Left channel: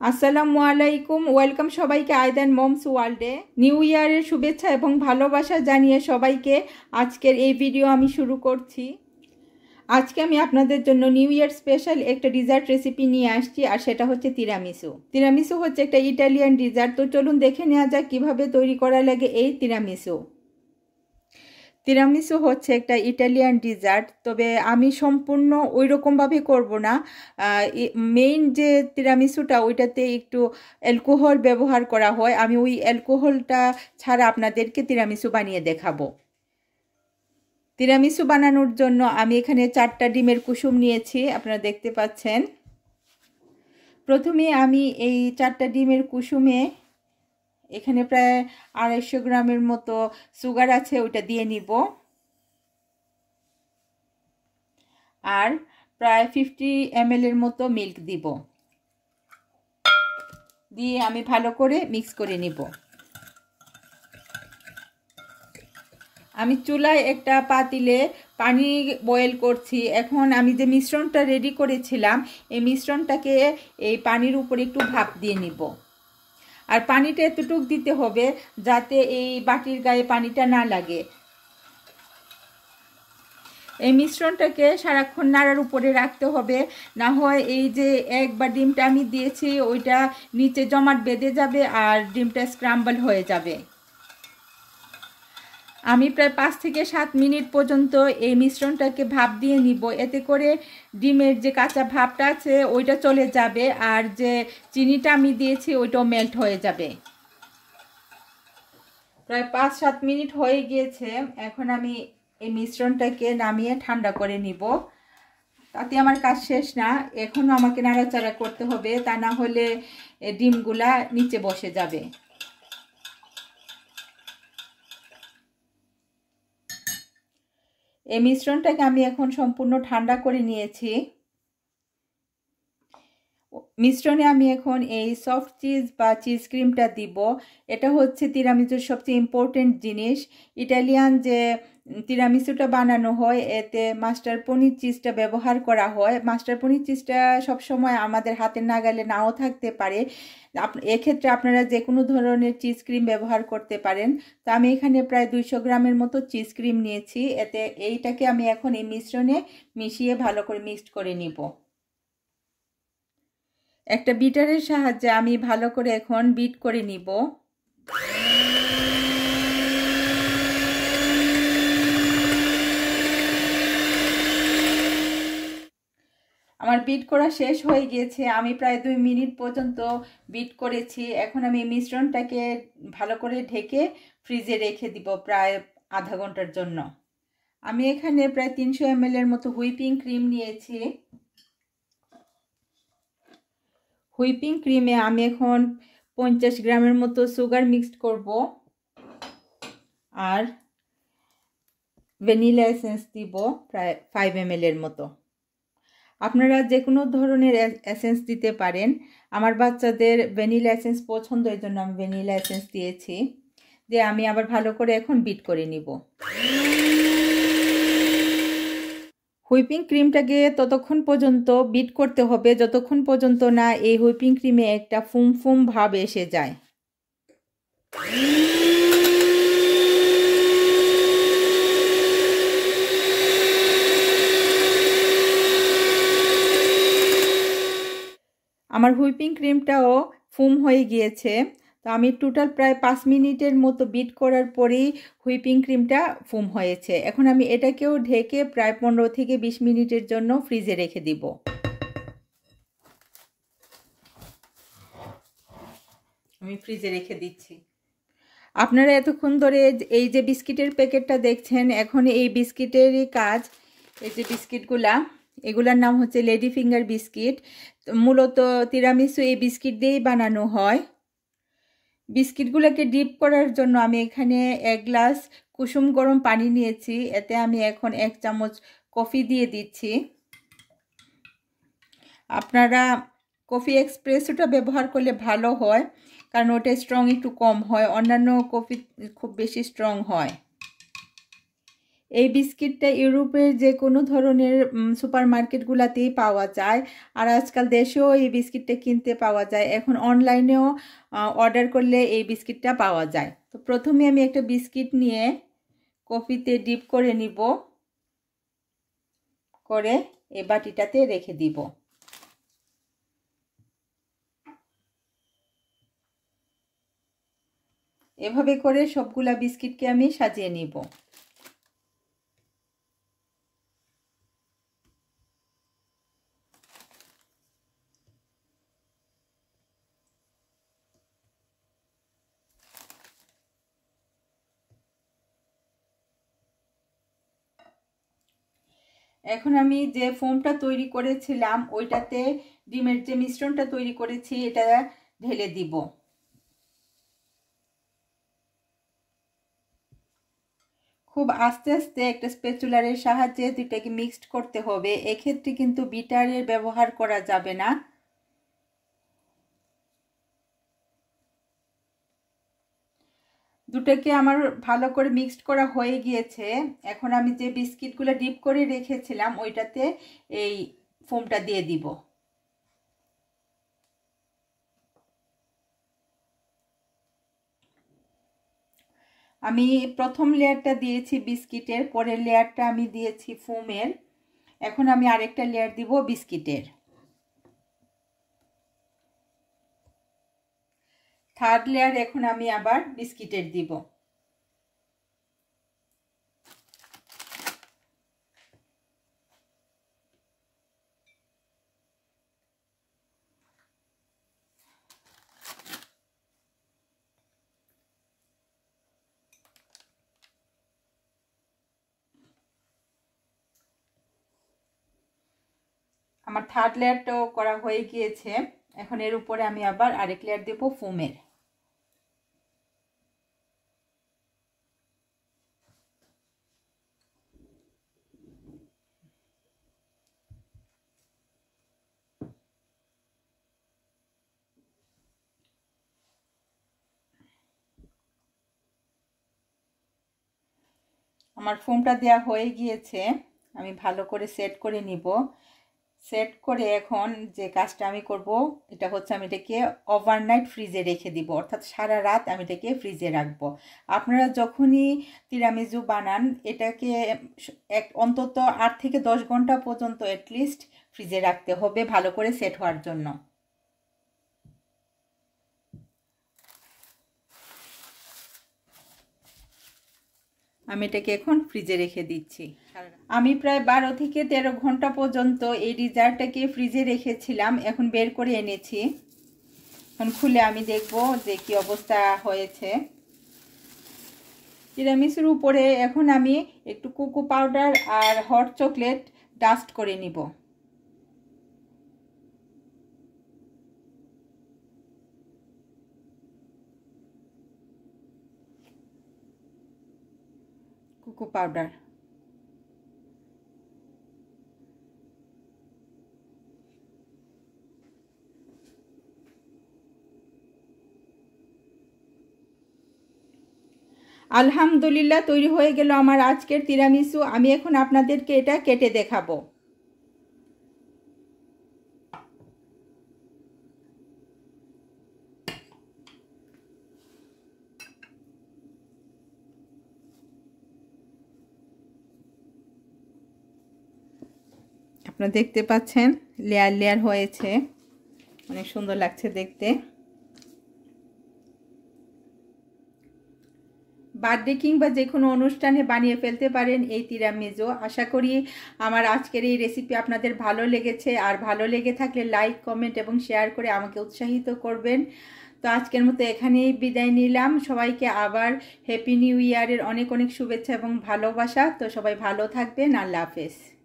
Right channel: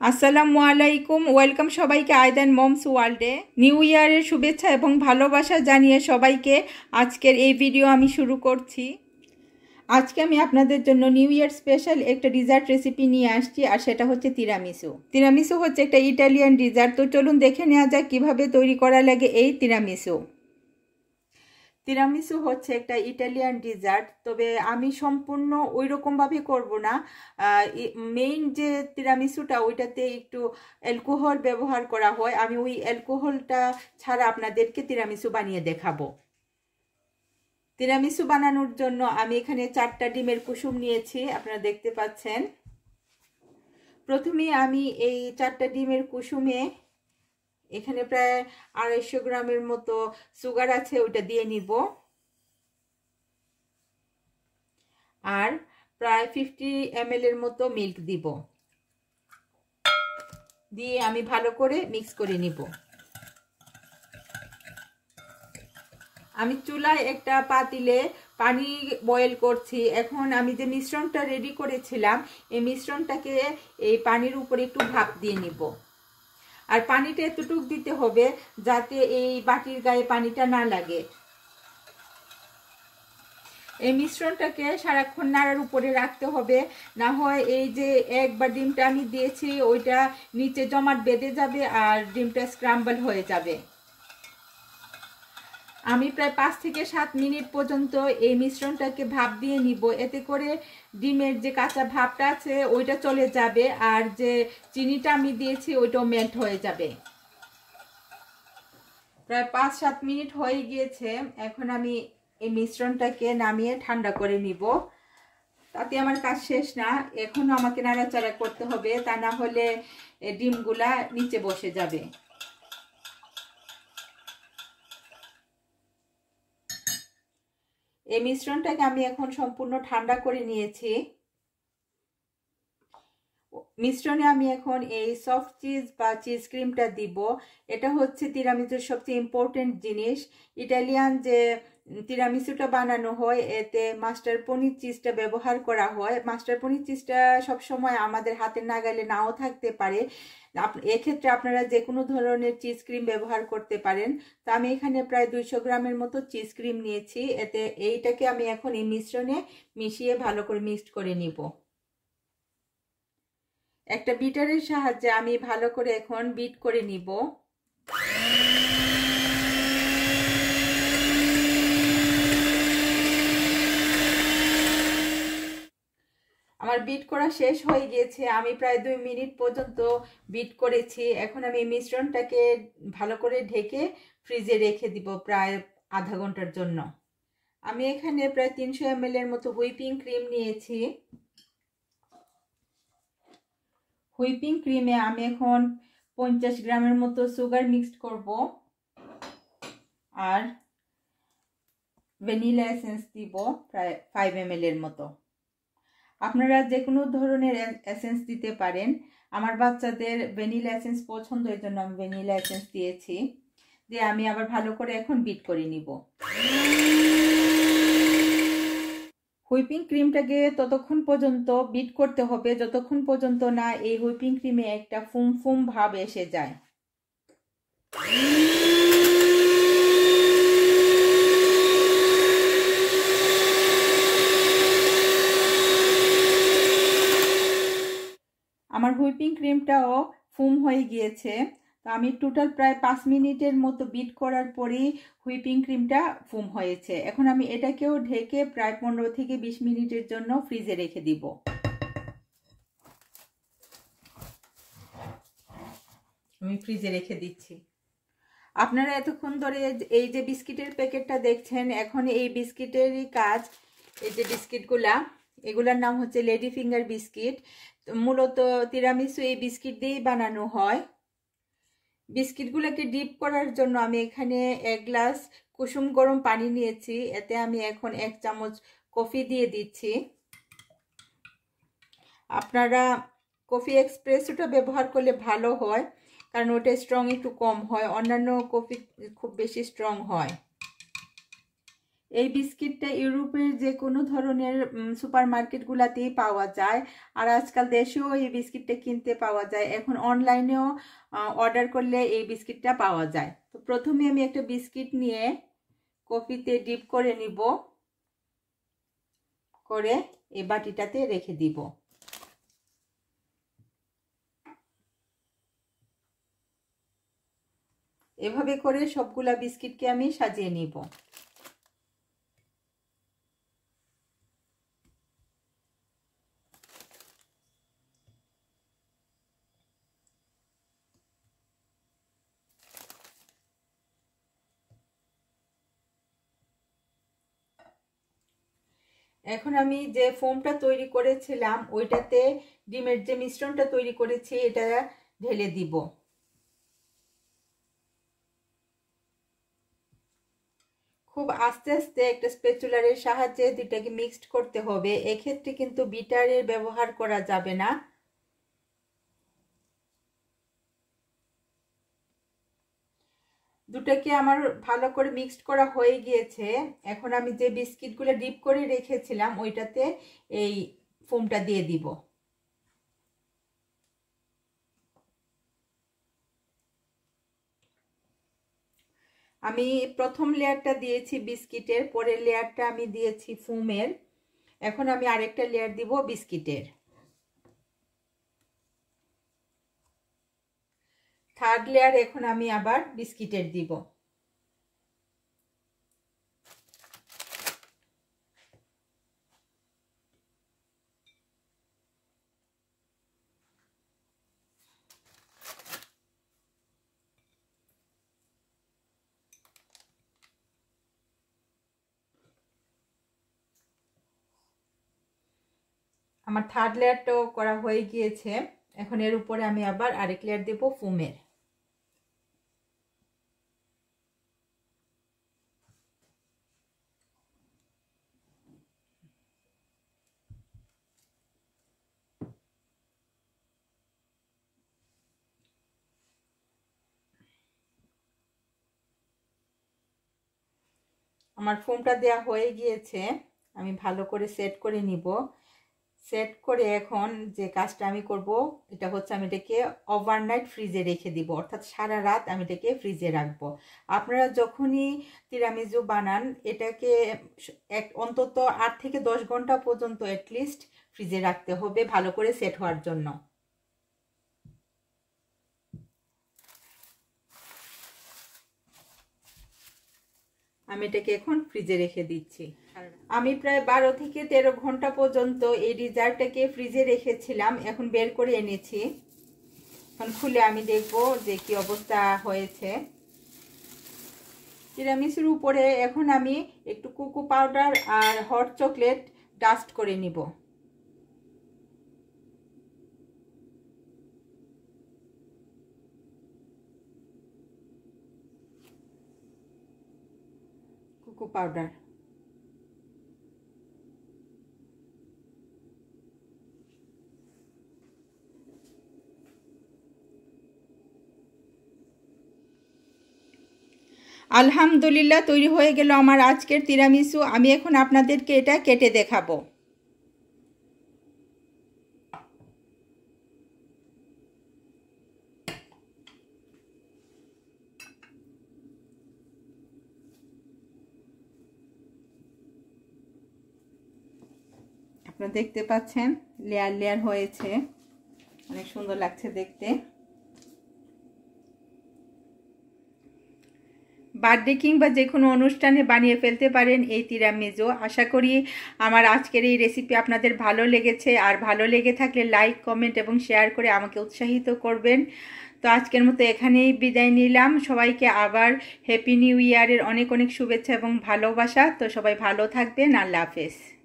আসসালামু আলাইকুম, ওয়েলকাম সবাইকে আয়দান মমস ওয়ার্ল্ডে। নিউ ইয়ারের শুভেচ্ছা এবং ভালোবাসা জানিয়ে সবাইকে আজকের এই ভিডিও আমি শুরু করছি। আজকে আমি আপনাদের জন্য নিউ ইয়ার স্পেশাল একটা ডিজার্ট রেসিপি নিয়ে আসছি, আর সেটা হচ্ছে তিরামিসু। তিরামিসু হচ্ছে একটা ইটালিয়ান ডিজার্ট। তো চলুন দেখে নেওয়া যাক কীভাবে তৈরি করা লাগে এই তিরামিসু। তিরামিসু হচ্ছে একটা ইটালিয়ান ডিজার্ট, তবে আমি সম্পূর্ণ ওই রকমভাবে করব না। মেইন যে তিরামিসুটা ওইটাতে একটু অ্যালকোহল ব্যবহার করা হয়, আমি ওই অ্যালকোহলটা ছাড়া আপনাদেরকে তিরামিসু বানিয়ে দেখাবো। তিরামিসু বানানোর জন্য আমি এখানে 4টা ডিমের কুসুম নিয়েছি, আপনারা দেখতে পাচ্ছেন। প্রথমে আমি এই 4টা ডিমের কুসুমে এখানে প্রায় 250 গ্রামের মতো সুগার আছে, ওইটা দিয়ে নিব। আর প্রায় 50 ml এর মতো মিল্ক দিব, দিয়ে আমি ভালো করে মিক্স করে নিব। আমি চুলায় একটা পাতিলে পানি বয়েল করছি। এখন আমি যে মিশ্রণটা রেডি করেছিলাম এই মিশ্রণটাকে এই পানির উপরে একটু ভাপ দিয়ে নিব। আর পানিটা এতটুক দিতে হবে যাতে এই বাটির গায়ে পানিটা না লাগে। এই মিশ্রণটাকে সারাক্ষণ নাড়ার উপরে রাখতে হবে, না হয় এই যে এক বা ডিমটা আমি দিয়েছি ওইটা নিচে জমাট বেঁধে যাবে আর ডিমটা স্ক্রাম্বল হয়ে যাবে। আমি প্রায় 5 থেকে 7 মিনিট পর্যন্ত এই মিশ্রণটাকে ভাপ দিয়ে নিব, এতে করে ডিমের যে কাঁচা ভাবটা আছে ওইটা চলে যাবে আর যে চিনিটা আমি দিয়েছি ওইটাও মেল্ট হয়ে যাবে। প্রায় 5-7 মিনিট হয়ে গিয়েছে। এখন আমি এই মিশ্রণটাকে নামিয়ে ঠান্ডা করে নিব। তাতে আমার কাজ শেষ না, এখনও আমাকে নাড়াচাড়া করতে হবে, তা না হলে ডিমগুলা নিচে বসে যাবে। এই মিশ্রণটাকে আমি এখন সম্পূর্ণ ঠান্ডা করে নিয়েছি। মিশ্রণে আমি এখন এই সফট চিজ বা চিজ ক্রিমটা দিব। এটা হচ্ছে তিরামিসুর সবচেয়ে ইম্পর্টেন্ট জিনিস। ইটালিয়ান যে তিরামিসুটা বানানো হয় এতে মাস্টার পনির চিজটা ব্যবহার করা হয়। মাস্টার পনির চিজটা সবসময় আমাদের হাতের নাগালে নাও থাকতে পারে, এক্ষেত্রে আপনারা যে কোনো ধরনের চিজ ক্রিম ব্যবহার করতে পারেন। তো আমি এখানে প্রায় 200 গ্রামের মতো চিজ ক্রিম নিয়েছি। এতে এইটাকে আমি এখন এই মিশ্রণে মিশিয়ে ভালো করে মিক্সড করে নিব। একটা বিটারের সাহায্যে আমি ভালো করে এখন বিট করে নিব। আমার বিট করা শেষ হয়ে গিয়েছে, আমি প্রায় 2 মিনিট পর্যন্ত বিট করেছি। এখন আমি মিশ্রণটাকে ভালো করে ঢেকে ফ্রিজে রেখে দিব প্রায় আধা ঘন্টার জন্য। আমি এখানে প্রায় 300 ml এর মতো হুইপিং ক্রিম নিয়েছি। হুইপিং ক্রিমে আমি এখন 50 গ্রামের মতো সুগার মিক্সড করব আর ভ্যানিলা এসেন্স দিব প্রায় 5 ml এর মতো। আপনারা যে কোনো ধরনের এসেন্স দিতে পারেন। আমার বাচ্চাদের ভ্যানিলা এসেন্স পছন্দ, এই জন্য আমি ভ্যানিলা এসেন্স দিয়েছি। দিয়ে আমি আবার ভালো করে এখন বিট করে নিব। হুইপিং ক্রিমটাকে ততক্ষণ পর্যন্ত বিট করতে হবে যতক্ষণ পর্যন্ত না এই হুইপিং ক্রিমে একটা ফুম ফুম ভাব এসে যায়। আমার হুইপিং ক্রিমটাও ফুম হয়ে গিয়েছে। তো আমি টোটাল প্রায় 5 মিনিটের মতো বিট করার পরেই হুইপিং ক্রিমটা ফুম হয়েছে। এখন আমি এটাকেও ঢেকে প্রায় 15 থেকে 20 মিনিটের জন্য ফ্রিজে রেখে দিব। আমি ফ্রিজে রেখে দিচ্ছি। আপনারা এতক্ষণ ধরে এই যে বিস্কিটের প্যাকেটটা দেখছেন, এখন এই বিস্কিটেরই কাজ। এই যে বিস্কিটগুলা, এগুলার নাম হচ্ছে লেডি ফিঙ্গার বিস্কিট। মূলত তিরামিসু এই বিস্কিট দিয়েই বানানো হয়। বিস্কিটগুলোকে ডিপ করার জন্য আমি এখানে 1 গ্লাস কুসুম গরম পানি নিয়েছি। এতে আমি এখন 1 চামচ কফি দিয়ে দিচ্ছি। আপনারা কফি এক্সপ্রেসোটা ব্যবহার করলে ভালো হয়, কারণ ওটা স্ট্রং একটু কম হয়, অন্যান্য কফি খুব বেশি স্ট্রং হয়। এই বিস্কিটটা ইউরোপের যে কোনো ধরনের সুপার মার্কেটগুলোতেই পাওয়া যায়। আর আজকাল দেশেও এই বিস্কিটটা কিনতে পাওয়া যায়। এখন অনলাইনেও অর্ডার করলে এই বিস্কিটটা পাওয়া যায়। তো প্রথমে আমি একটা বিস্কিট নিয়ে কফিতে ডিপ করে নিব, করে এই বাটিটাতে রেখে দিব। এভাবে করে সবগুলা বিস্কিটকে আমি সাজিয়ে নিব। এখন আমি যে ফোমটা তৈরি করেছিলাম ওইটাতে ডিমের যে মিশ্রণটা তৈরি করেছি এটা ঢেলে দিব। খুব আস্তে আস্তে একটা স্প্যাচুলারের সাহায্যে দুটাকে মিক্সড করতে হবে। এক্ষেত্রে কিন্তু বিটারের ব্যবহার করা যাবে না। দুটাকে আমার ভালো করে মিক্সড করা হয়ে গিয়েছে। এখন আমি যে বিস্কিটগুলো ডিপ করে রেখেছিলাম ওইটাতে এই ফোমটা দিয়ে দিব। আমি প্রথম লেয়ারটা দিয়েছি বিস্কিটের, পরের লেয়ারটা আমি দিয়েছি ফোমের। এখন আমি আরেকটা লেয়ার দিব বিস্কিটের। থার্ড লেয়ার এখন আমি আবার বিস্কিটের দিব। আমার থার্ড লেয়ারটাও করা হয়ে গিয়েছে। এখন এর উপরে আমি আবার আরেক লেয়ার দেব ফোমের। আমার ফোমটা দেয়া হয়ে গিয়েছে, আমি ভালো করে সেট করে নিব। সেট করে এখন যে কাজটা আমি করব এটা হচ্ছে আমি এটাকে ওভারনাইট ফ্রিজে রেখে দিব, অর্থাৎ সারা রাত আমি এটাকে ফ্রিজে রাখবো। আপনারা যখনই তিরামিসু বানান এটাকে অন্তত 8 থেকে 10 ঘন্টা পর্যন্ত অ্যাটলিস্ট ফ্রিজে রাখতে হবে ভালো করে সেট হওয়ার জন্য। আমি এটাকে এখন ফ্রিজে রেখে দিচ্ছি। আমি প্রায় 12 থেকে 13 ঘন্টা পর্যন্ত এই ডিজার্টটাকে ফ্রিজে রেখেছিলাম। এখন বের করে এনেছি। এখন খুলে আমি দেখব যে কি অবস্থা হয়েছে। তিরামিসুর উপরে এখন আমি একটু কোকো পাউডার আর হট চকলেট ডাস্ট করে নিব। কোকো পাউডার আলহামদুলিল্লাহ তৈরি হয়ে গেল আমার আজকের তিরামিসু। আমি এখন আপনাদেরকে এটা কেটে দেখাবো। আপনারা দেখতে পাচ্ছেন লেয়ার লেয়ার হয়েছে, অনেক সুন্দর লাগছে দেখতে। বার্থডে কিংবা যে কোনো অনুষ্ঠানে বানিয়ে ফেলতে পারেন এই তিরামিসু। আশা করি আমার আজকের এই রেসিপি আপনাদের ভালো লেগেছে, আর ভালো লেগে থাকলে লাইক কমেন্ট এবং শেয়ার করে আমাকে উৎসাহিত করবেন। তো আজকের মতো এখানেই বিদায় নিলাম। সবাইকে আবার হ্যাপি নিউ ইয়ারের অনেক অনেক শুভেচ্ছা এবং ভালোবাসা। তো সবাই ভালো থাকবেন। আল্লাহ হাফেজ।